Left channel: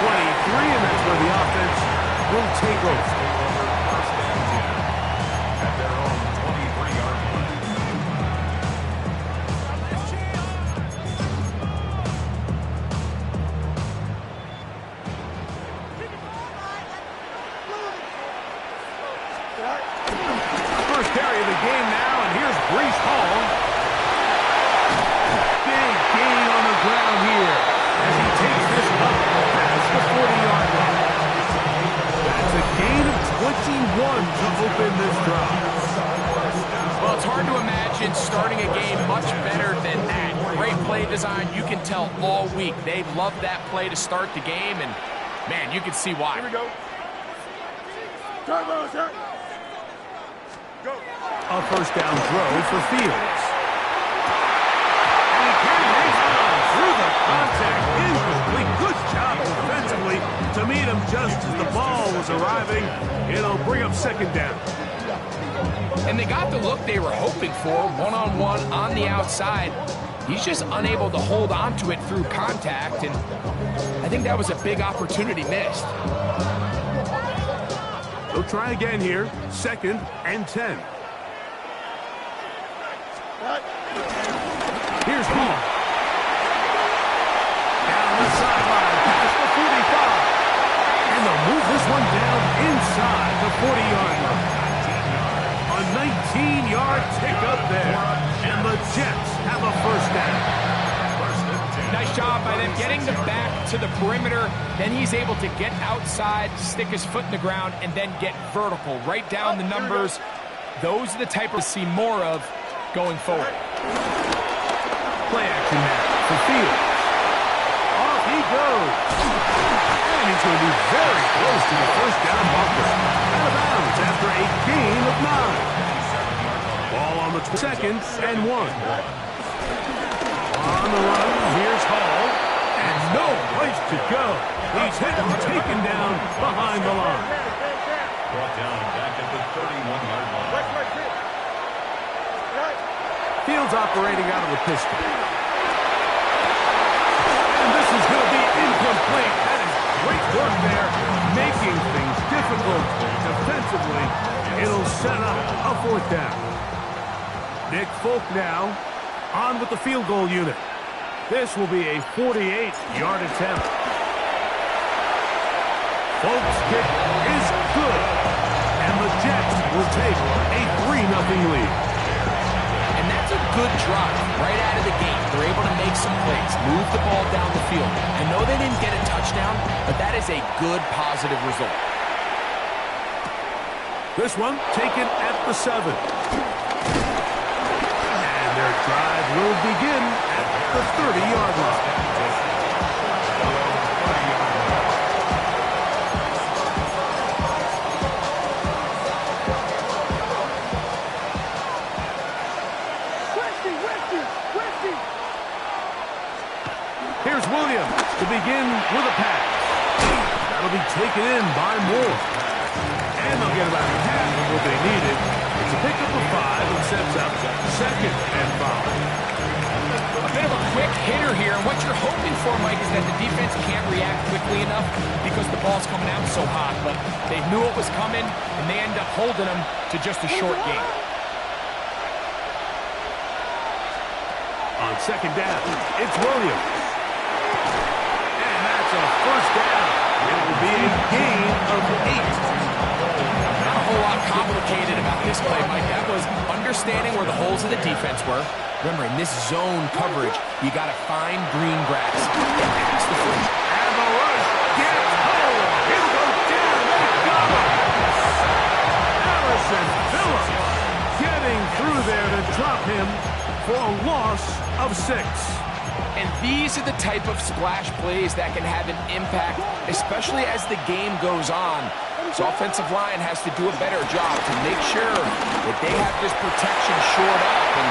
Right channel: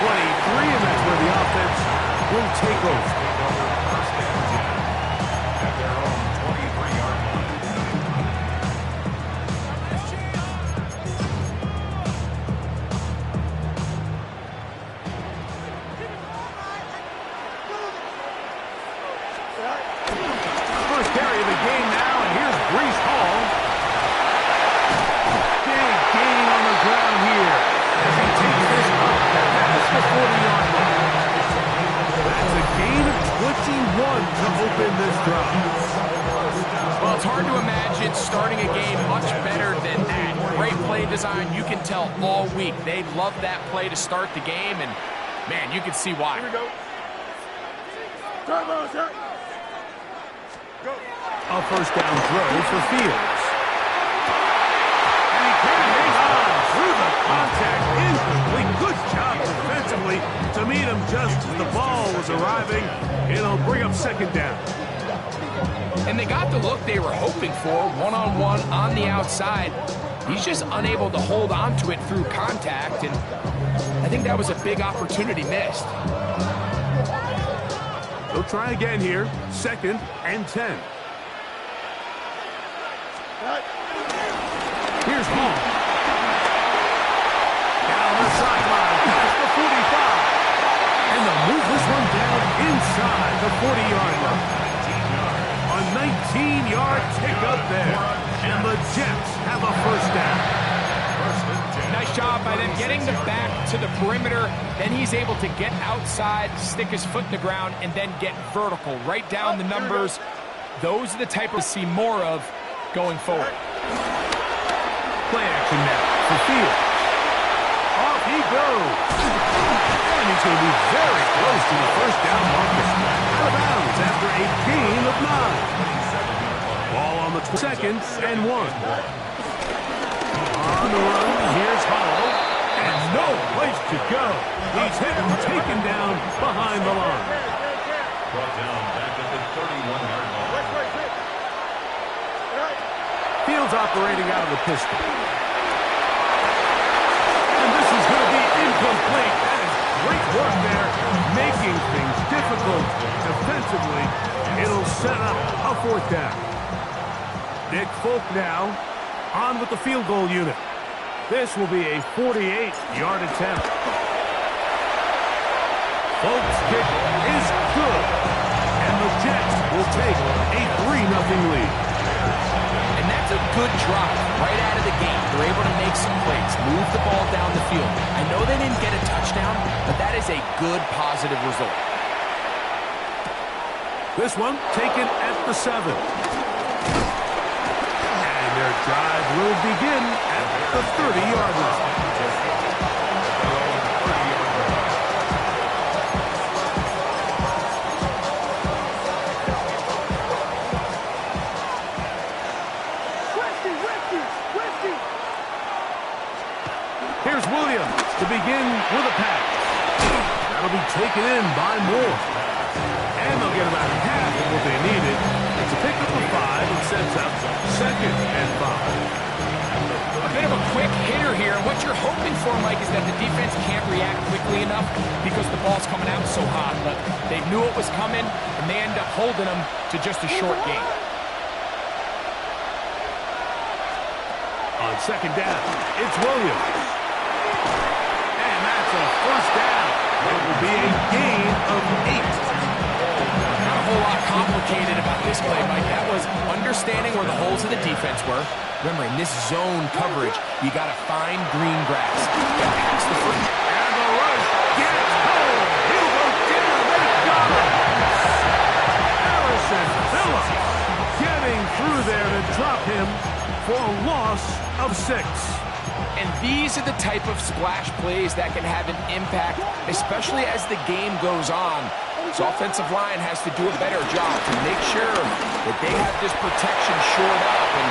23, and that's where the offense will take over. First and 10 at their own 23-yard line. First carry of the game now, and here's Brees Hall. Big gain on the ground here as he takes this up past the 40-yard line. That's a gain of 21 to open this drive. Well, it's hard to imagine starting a game much better than that. Great play design. You can tell all week they love that play to start the game, and, man, you can see why. Here we go. A first down throw for Fields. And he can't hang on through the contact. Incomplete. Good job defensively to meet him just as the ball was arriving. It'll bring up second down. And they got the look they were hoping for, one-on-one on the outside. He's just unable to hold on to it through contact, and I think that was a big opportunity missed. They'll try again here. Second and 10. Here's Hall. Down the sideline, past the 45. And they'll move this one down inside the 40-yard line. A 19-yard pickup there. And the Jets have a first down. Nice job by them getting the back to the perimeter. Then he's able to get outside, stick his foot in the ground, and then get vertical. Right down the numbers. Those are the type of see more of going forward. Play action now for Fields. Off he goes. And he's going to be very close to the first down marker. Out of bounds after a gain of 9. Ball on the second and 1. On the run, here's Hall. And no place to go. He's hit and taken down behind the line. Brought down back at the 31-yard line. Fields operating out of the pistol. And this is going to be incomplete. That is great work there, making things difficult defensively. It'll set up a fourth down. Nick Folk now on with the field goal unit. This will be a 48-yard attempt. Folk's kick is good. And the Jets will take a 3-0 lead. And that's a good drive right out of the gate. They're able to make some plays, move the ball down the field. I know they didn't get a touchdown, but that is a good, positive result. This one taken at the 7. And their drive will begin at the 30-yard line. Here's Williams to begin with a pass. That'll be taken in by Moore. And they'll get about half of what they needed. It's a pickup of 5 and sets up second and 5. A bit of a quick hitter here, and what you're hoping for, Mike, is that the defense can't react quickly enough because the ball's coming out so hot. But they knew it was coming, and they end up holding them to just a short gain. On second down, it's Williams. And that's a first down. It will be a gain of 8. Not a whole lot complicated about this play, Mike. That was understanding where the holes of the defense were. Remember, in this zone coverage, you got to find green grass. Get past the free. And the rush gets home. He'll go down. They got him. Harrison Phillips getting through there to drop him for a loss of 6. And these are the type of splash plays that can have an impact, especially as the game goes on. So offensive line has to do a better job to make sure that they have this protection shored up and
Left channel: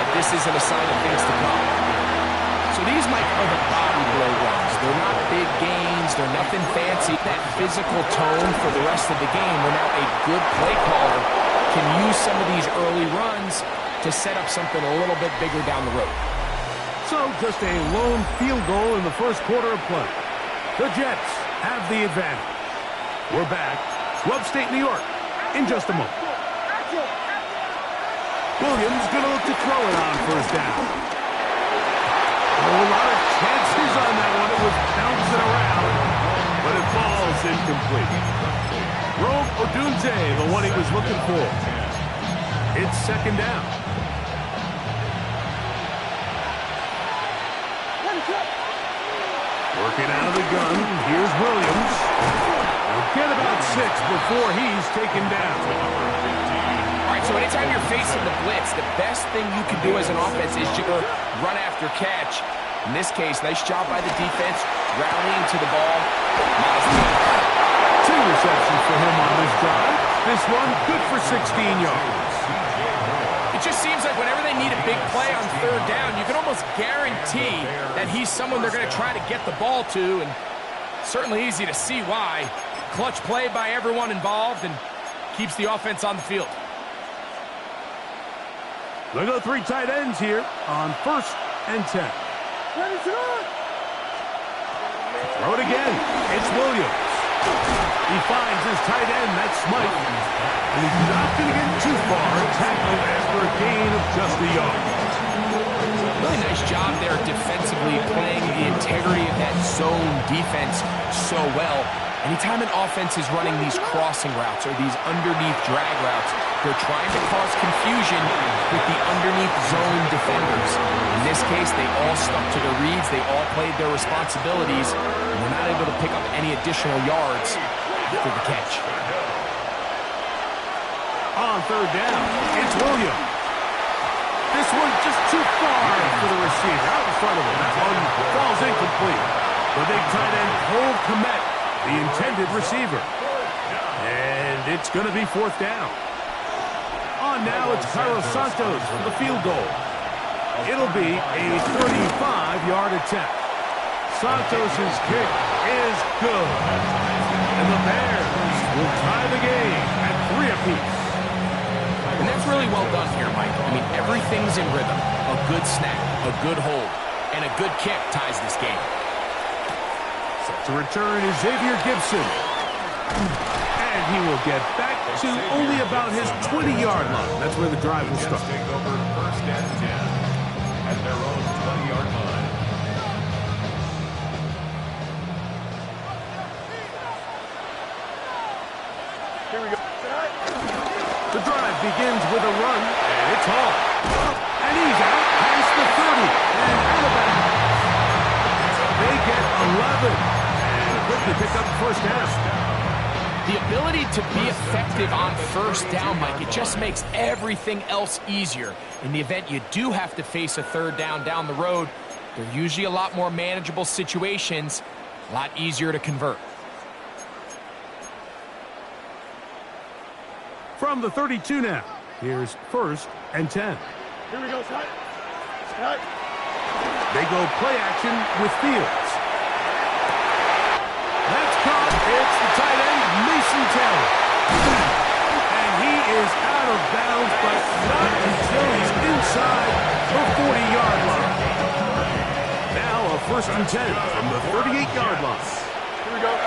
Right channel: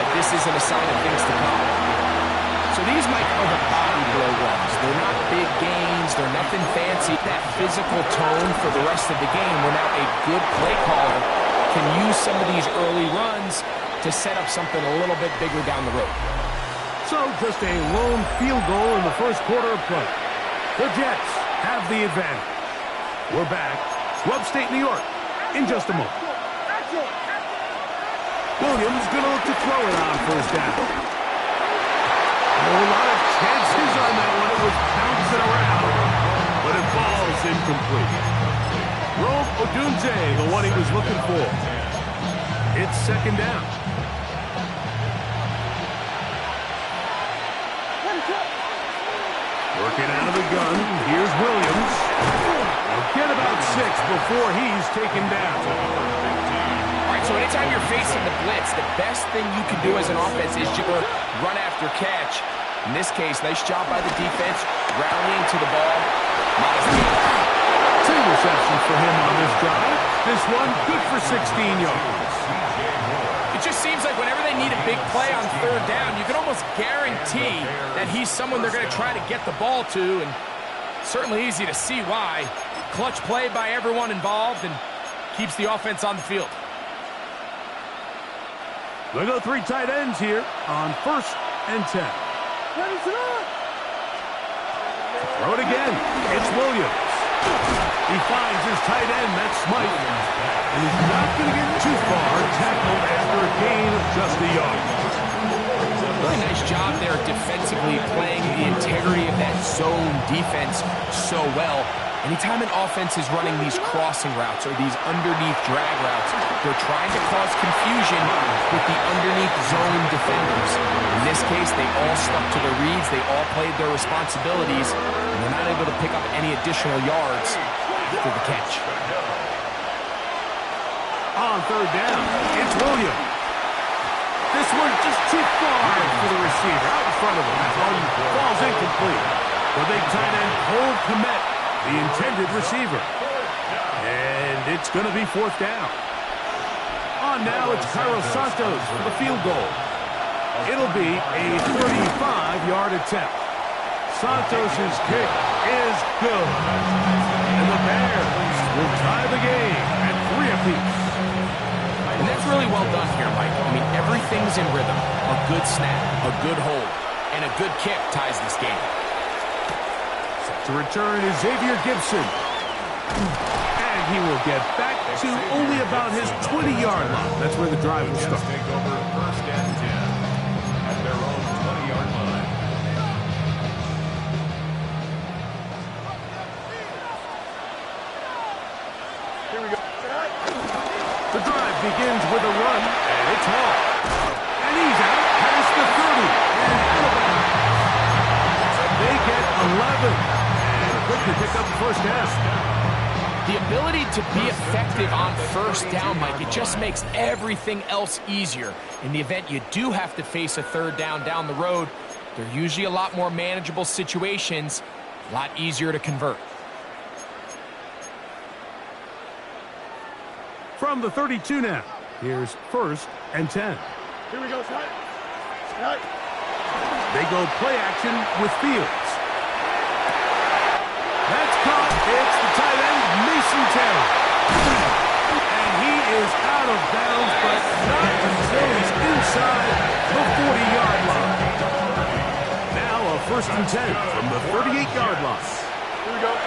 that this isn't a sign of things to come. So these, Mike, are the body blow runs. They're not big gains. They're nothing fancy. That physical tone for the rest of the game where now a good play caller can use some of these early runs to set up something a little bit bigger down the road. So just a lone field goal in the first quarter of play. The Jets have the advantage. We're back to upstate New York in just a moment. Williams going to look to throw it on first down. Oh, a lot of chances on that one. It was bouncing around, but it falls incomplete. Rome Odunze, the one he was looking for. It's second down. Working out of the gun. Here's Williams. He'll get about 6 before he's taken down. All right, so anytime you're facing the blitz, the best thing you can do as an offense is just run after catch. In this case, nice job by the defense, rallying to the ball. Modest gain. 2 receptions for him on this drive. This one, good for 16 yards. It just seems like whenever they need a big play on third down, you can almost guarantee that he's someone they're going to try to get the ball to, and certainly easy to see why. Clutch play by everyone involved and keeps the offense on the field. They go 3 tight ends here on 1st and 10. Throw it again. It's Williams. He finds his tight end, that's Smythe. And he's not going to get too far, tackled after a gain of just a yard. Really nice job there defensively, playing the integrity of that zone defense so well. Anytime an offense is running these crossing routes or these underneath drag routes, they're trying to cause confusion with the underneath zone defenders. In this case, they all stuck to their reads, they all played their responsibilities, and they're not able to pick up any additional yards after the catch. On third down, it's Williams. This one just too far for the receiver, out in front of him. That one falls incomplete. The big tight end, Cole Kmet, the intended receiver. And it's going to be 4th down. On now, it's Cairo Santos for the field goal. It'll be a 35-yard attempt. Santos' kick is good. And the Bears will tie the game at 3 apiece. And that's really well done here, Mike. I mean, everything's in rhythm. A good snap, a good hold, and a good kick ties this game. Set to return is Xavier Gibson. And he will get back to only about his 20-yard line. That's where the drive will start. Take over 1st and 10 at their own 20-yard line. Here we go. The drive begins with a run, and it's Hall. And he's out past the 30 and out of bounds. They get 11 and quickly pick up the 1st down. The ability to be effective on 1st down, Mike, it just makes everything else easier. In the event you do have to face a 3rd down the road, they're usually a lot more manageable situations, a lot easier to convert. From the 32 now, here's 1st and 10. Here we go, Scott. They go play action with Fields. That's caught. It's the tight end, Mason Taylor. And he is out of bounds, but not until he's inside the 40-yard line. Now a 1st and 10 from the 38-yard line. Here we go.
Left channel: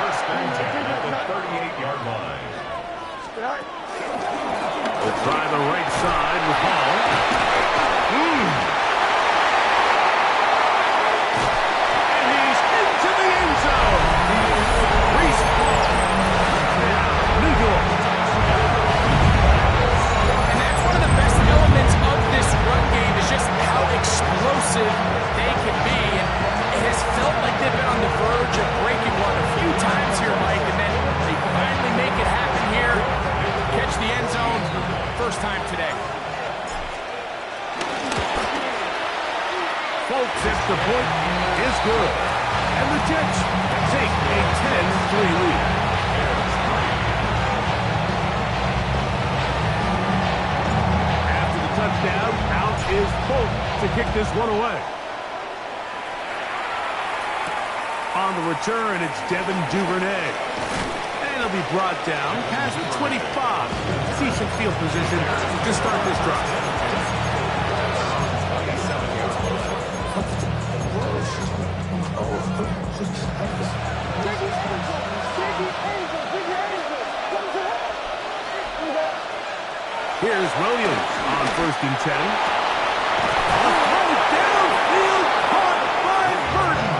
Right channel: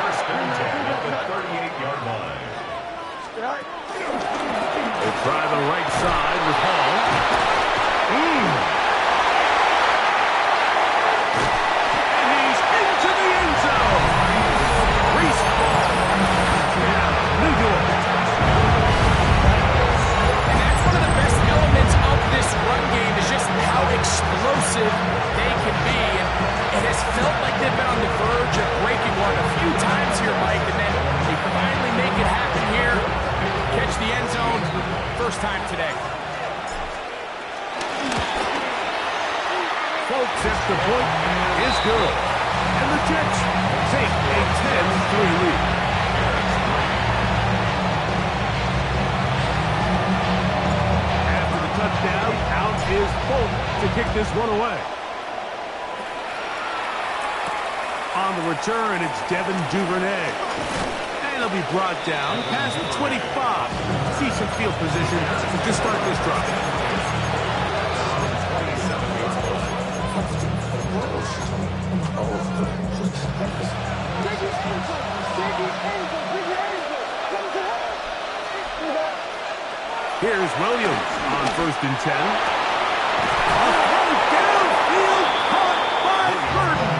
1st and 10 at the 38-yard line. They'll try the right side with Hall. And he's into the end zone. Brees Hall. Touchdown, New York. And that's one of the best elements of this run game is just how explosive they can be. And it has felt like they've been on the verge of breaking one a few times here, Mike, and then they finally make it happen here. Catch the end zone, 1st time today. Folks, if the point is good. And the Jets take a 10-3 lead. After the touchdown, out is Folk to kick this one away. On the return, it's Devin Duvernay. And he'll be brought down past the 25. Decent field position to start this drive. Here's Williams on 1st and 10. A throw downfield, caught by Burton.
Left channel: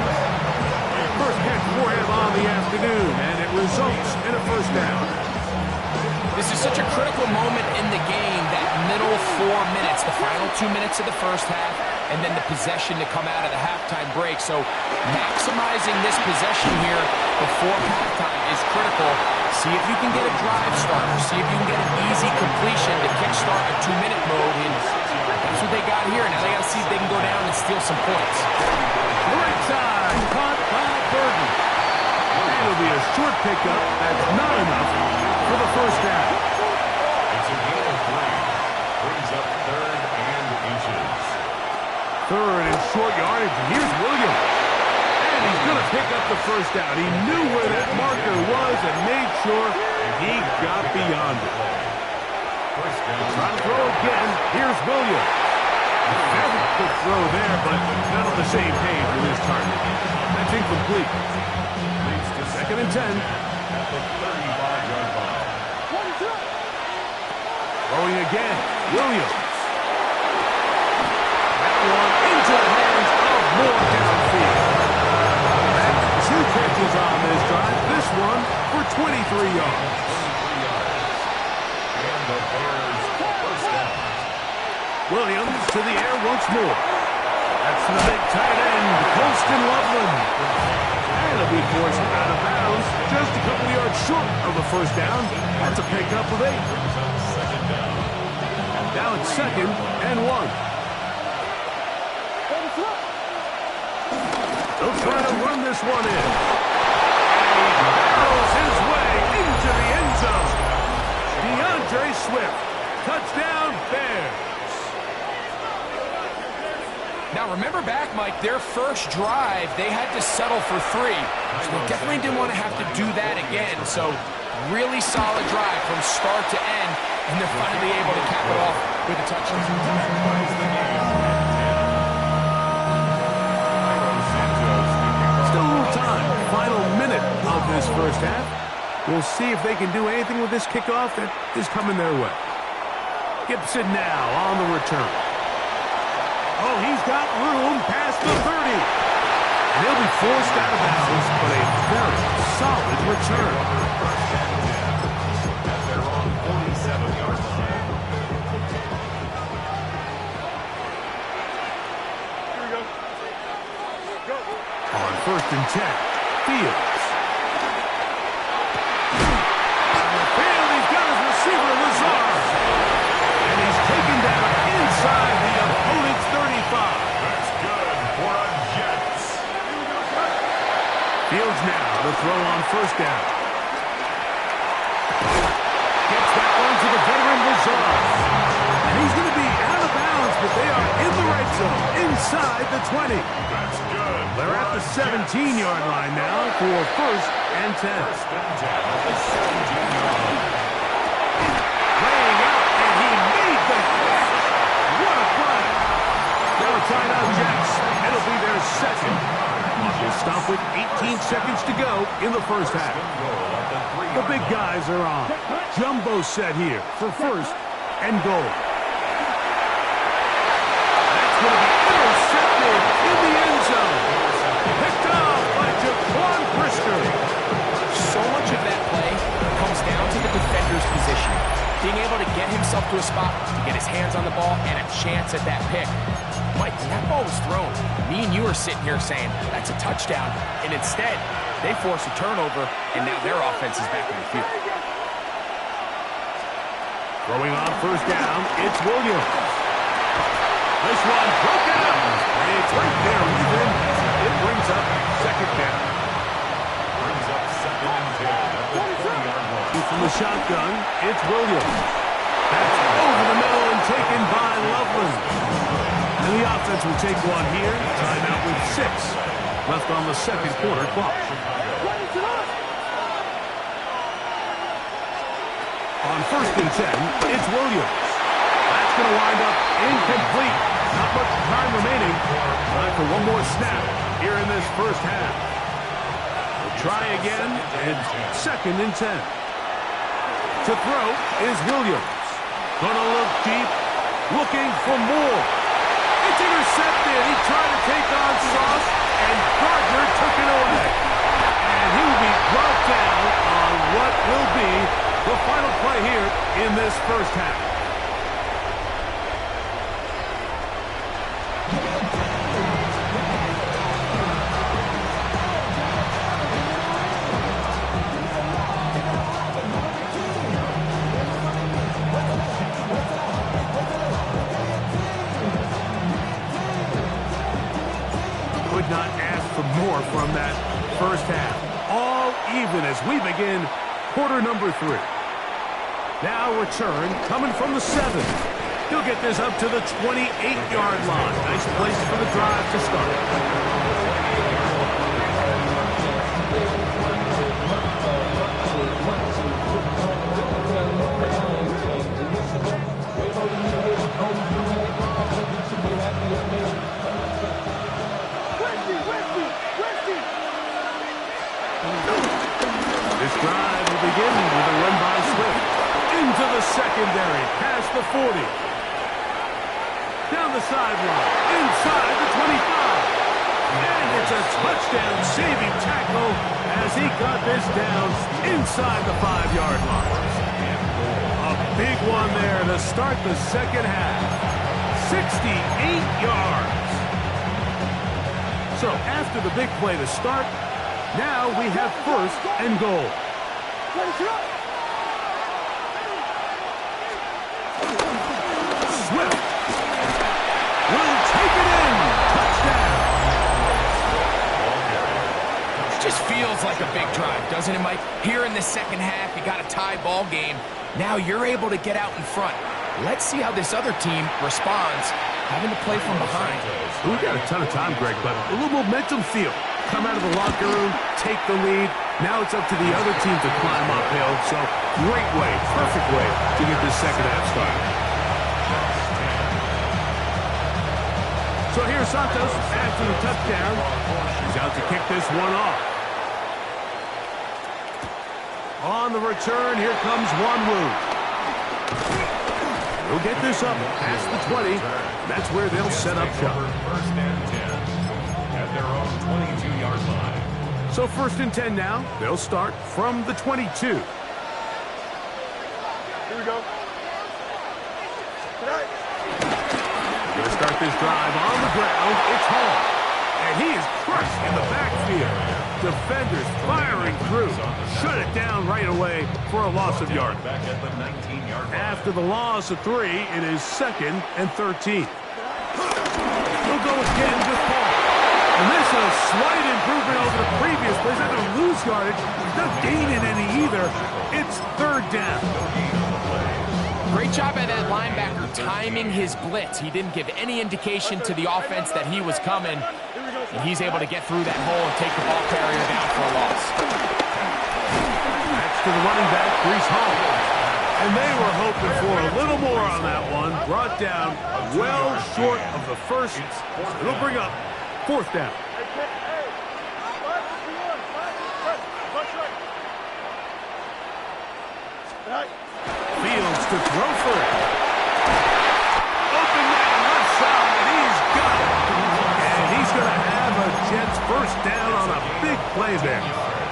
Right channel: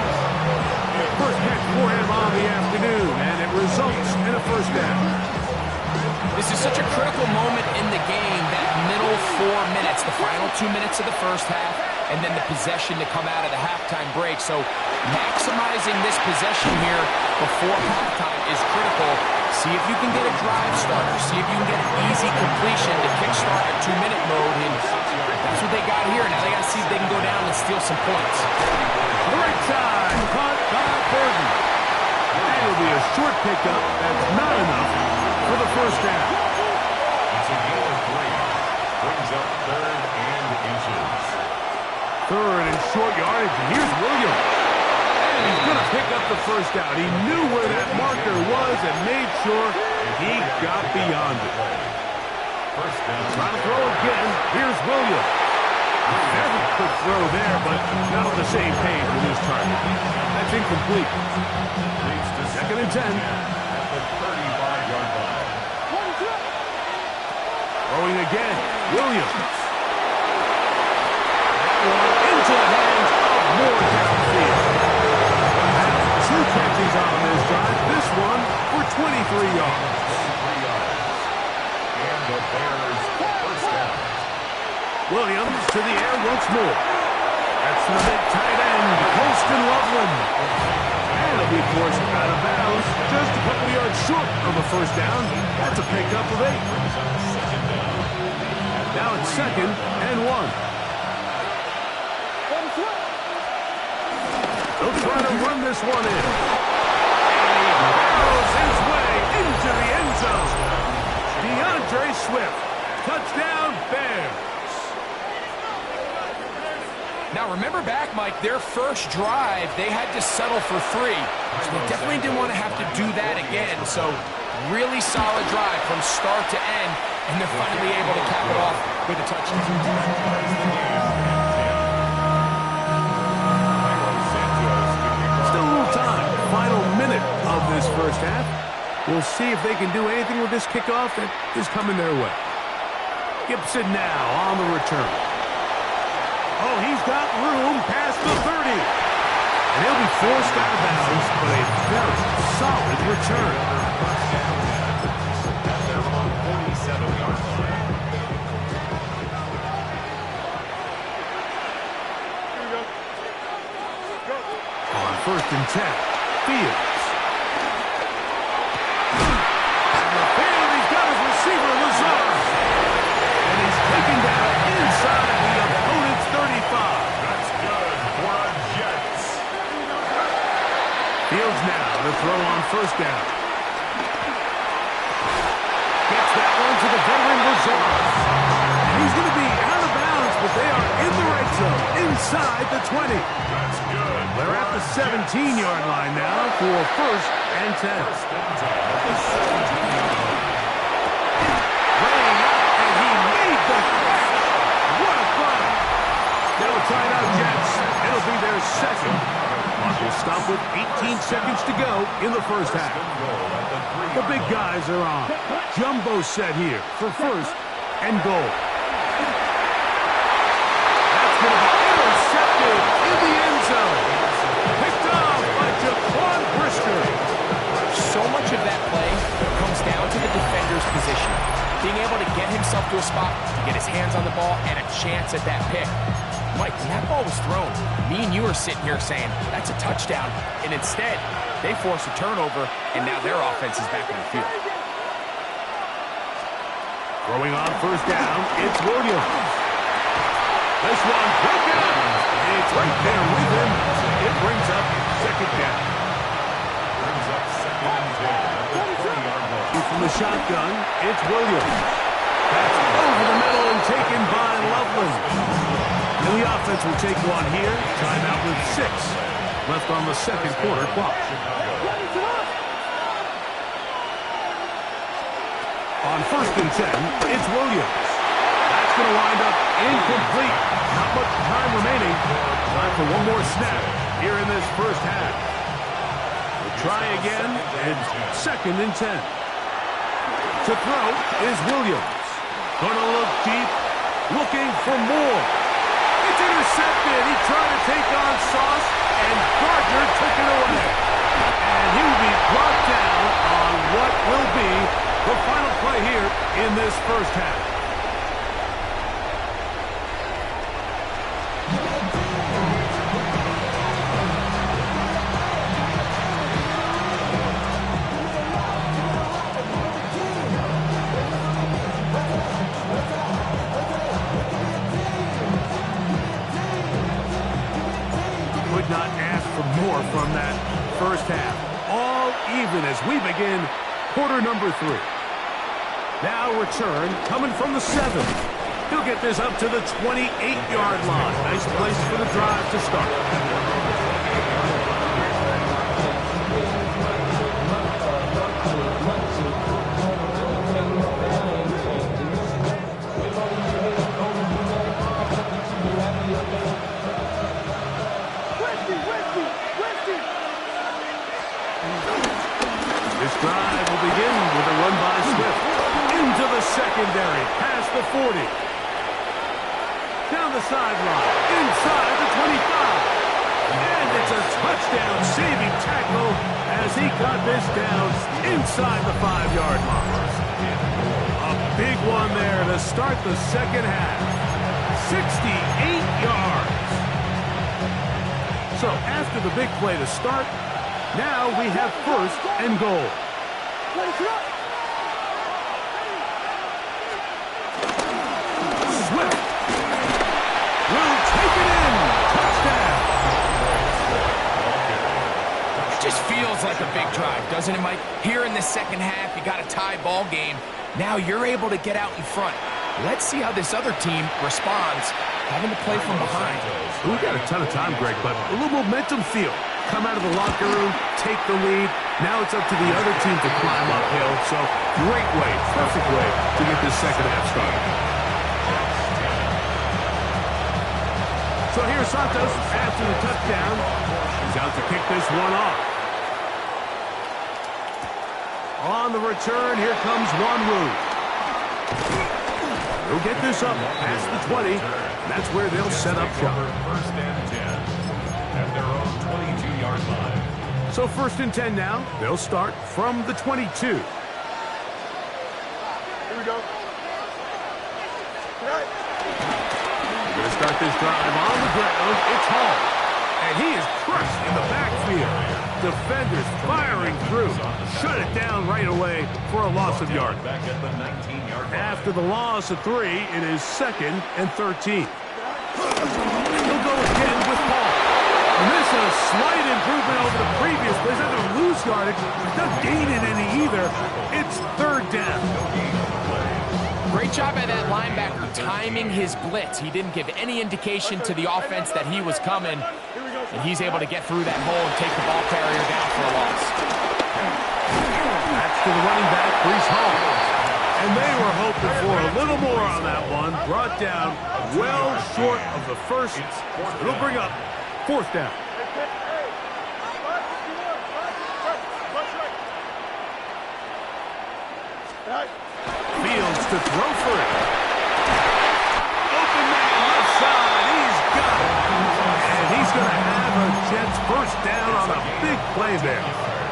First catch for him on the afternoon, and it results in a first down. This is such a critical moment in the game, that middle 4 minutes, the final 2 minutes of the first half, and then the possession to come out of the halftime break. So maximizing this possession here before halftime is critical. See if you can get a drive starter. See if you can get an easy completion to kickstart a 2-minute mode. And that's what they got here. Now they got to see if they can go down and steal some points. Right side, caught by Burton. It'll be a short pickup. That's not enough for the first down. It's a gain of 3. Brings up 3rd and inches. 3rd and short yardage. And here's Williams. And he's going to pick up the first down. He knew where that marker was and made sure he got beyond it. First down. Trying to throw again. Here's Williams. Very quick throw there, but not on the same page with his target. That's incomplete. Leads to 2nd and 10. At the 35-yard line. Throwing again. Williams. That one into the hands of Moore downfield. That's 2 catches on this drive. This one for 23 yards. 23 yards. And the Bears first down. Williams to the air once more. That's the big tight end, Colston Loveland. And it'll be forced out of bounds, just a couple yards short of a first down. That's a pickup of 8. Brings up 2nd down. Now it's 2nd and 1. They'll try to run this one in. And he barrels his way into the end zone. DeAndre Swift. Touchdown, Bears. Now, remember back, Mike, their first drive, they had to settle for 3. So they definitely didn't want to have to do that again. So really solid drive from start to end, and they're finally able to cap it off with a touchdown. Still a little time. Final minute of this first half. We'll see if they can do anything with this kickoff that is coming their way. Gibson now on the return. Oh, he's got room past the 30. And he'll be forced out of bounds, but a very solid return. First and 10 at their own 47-yard line. Here we go. Go. On 1st and 10, Fields. On the field, he's got his receiver, Lazar. And he's taken down inside the opponent's 35. That's good for a Jets. Fields now to throw on 1st down. Gets that one to the veteran Lazar. And he's going to be out of bounds, but they are in the right zone, inside the 20. That's good. They're at the 17-yard line now for 1st and 10. 1st and 10 at the 17-yard line. Laying out, and he made the catch. What a play. Now timeout Jets. It'll be their 2nd. Clock will stop with 18 seconds to go in the first half. The big guys are on. Jumbo set here for 1st and goal. That's going to be intercepted in the end zone. Picked off by Jaquan Brisker. So much of that play comes down to the defender's position. Being able to get himself to a spot, to get his hands on the ball, and a chance at that pick. Mike, when that ball was thrown, me and you are sitting here saying, that's a touchdown. And instead, they force a turnover, and now their offense is back on the field. Throwing on 1st down, it's Williams. This one broken up. It's right there with him. It brings up 2nd down. Brings up 2nd and 10 at the 20-yard line. From the shotgun, it's Williams. That's over the middle and taken by Loveland. And the offense will take one here. Timeout with 6 left on the 2nd quarter clock. On 1st and 10, it's Williams. That's going to wind up incomplete. Not much time remaining. Time for one more snap. here in this first half. We'll try again, and 2nd and 10. To throw is Williams. Gonna look deep, looking for more. It's intercepted. He tried to take on Sauce, and Gardner took it away. And he will be brought down on what will be the final play here in this first half. Could not ask for more from that first half. All even as we begin quarter number 3. Now return coming from the 7. He'll get this up to the 28-yard line. Nice place for the drive to start. This drive will begin with a run by Swift. Into the secondary, past the 40. Down the sideline, inside the 25. And it's a touchdown-saving tackle as he got this down inside the 5-yard line. A big one there to start the second half. 68 yards. So after the big play to start, now we have 1st and goal. Swift will take it in. Touchdown. It just feels like a big drive, doesn't it, Mike? Here in the second half, you got a tie ball game. Now you're able to get out in front. Let's see how this other team responds, having to play from behind. We've got a ton of time, Greg, but a little momentum feel. Come out of the locker room, take the lead. Now it's up to the other team to climb uphill. So great way, perfect way to get this second half started. So here's Santos after the touchdown. He's out to kick this one off. On the return, here comes Wanwu. They'll get this up past the 20. That's where they'll set up shop. 1st and 10 at their own 22-yard line. So 1st and 10 now. They'll start from the 22. Here we go. Tonight. Going to start this drive on the ground. It's Hall. And he is crushed in the backfield. Defenders firing through. Shut it down right away for a loss of yard. Back at the 19-yard line. After the loss of 3, it is 2nd and 13. He'll go again with Paul. And this is a slight improvement over the previous plays. Not going to lose yardage. Not gaining any either. It's 3rd down. Great job by that linebacker timing his blitz. He didn't give any indication to the offense that he was coming. And he's able to get through that hole and take the ball carrier down for a loss. That's to the running back, Brees Hall. And they were hoping for a little more on that one. Brought down well short of the first. It'll bring up 4th down. Fields to throw for it. Open man left side. He's got it. And he's going to have a Jets 1st down on a big play there.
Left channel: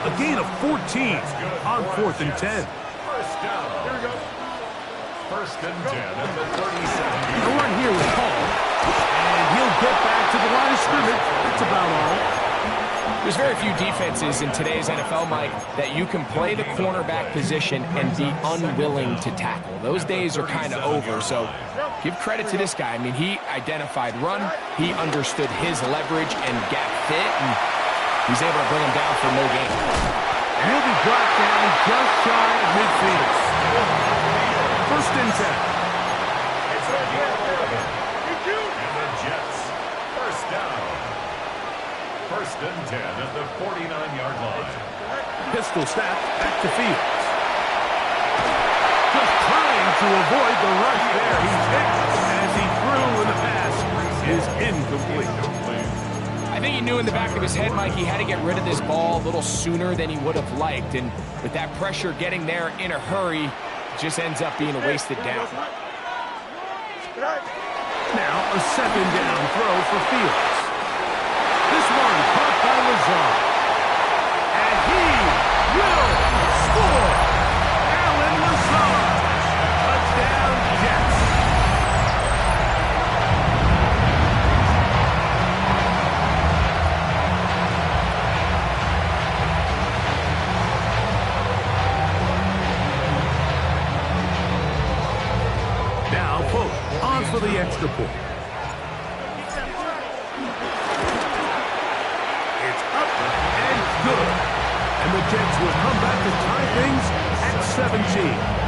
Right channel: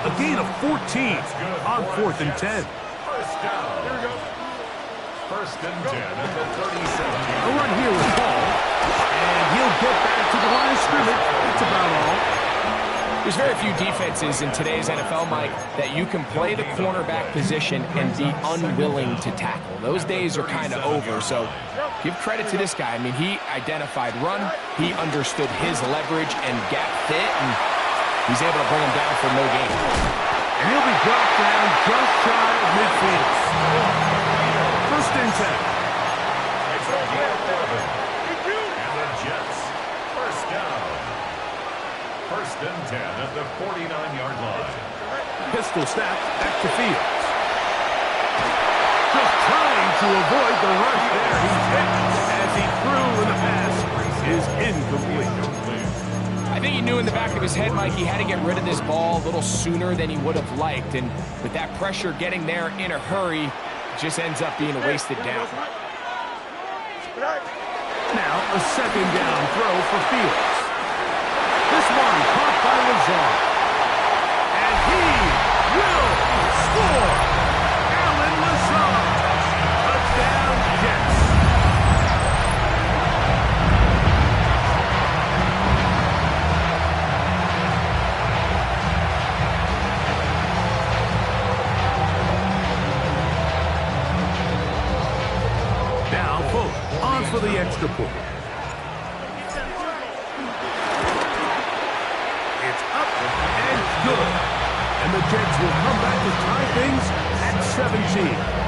A gain of 14 on 4th and 10. 1st down. Here we go. 1st and 10 at the 37. A run here with Paul. And he'll get back to the line of scrimmage. That's about all. There's very few defenses in today's NFL, Mike, that you can play the cornerback position and be unwilling to tackle. Those days are kind of over, so give credit to this guy. I mean, he identified run, he understood his leverage and gap fit, and he's able to bring him down for no gain. And he'll be brought down just shy of midfield. 1st and 10. It's a gain of 11. And the Jets, 1st down. 1st and 10 at the 49-yard line. Pistol snap back to Fields. Just trying to avoid the rush there. He's hit as he threw, and the pass is incomplete. I think he knew in the back of his head, Mike, he had to get rid of this ball a little sooner than he would have liked. And with that pressure getting there in a hurry, it just ends up being a wasted down. Now a second down throw for Fields. This one caught by Lazard. And he will score! Alan Lazard! Touchdown, Jets! Now Fuller on for the extra point. It's up and good. And the Jets will come back to tie things at 17.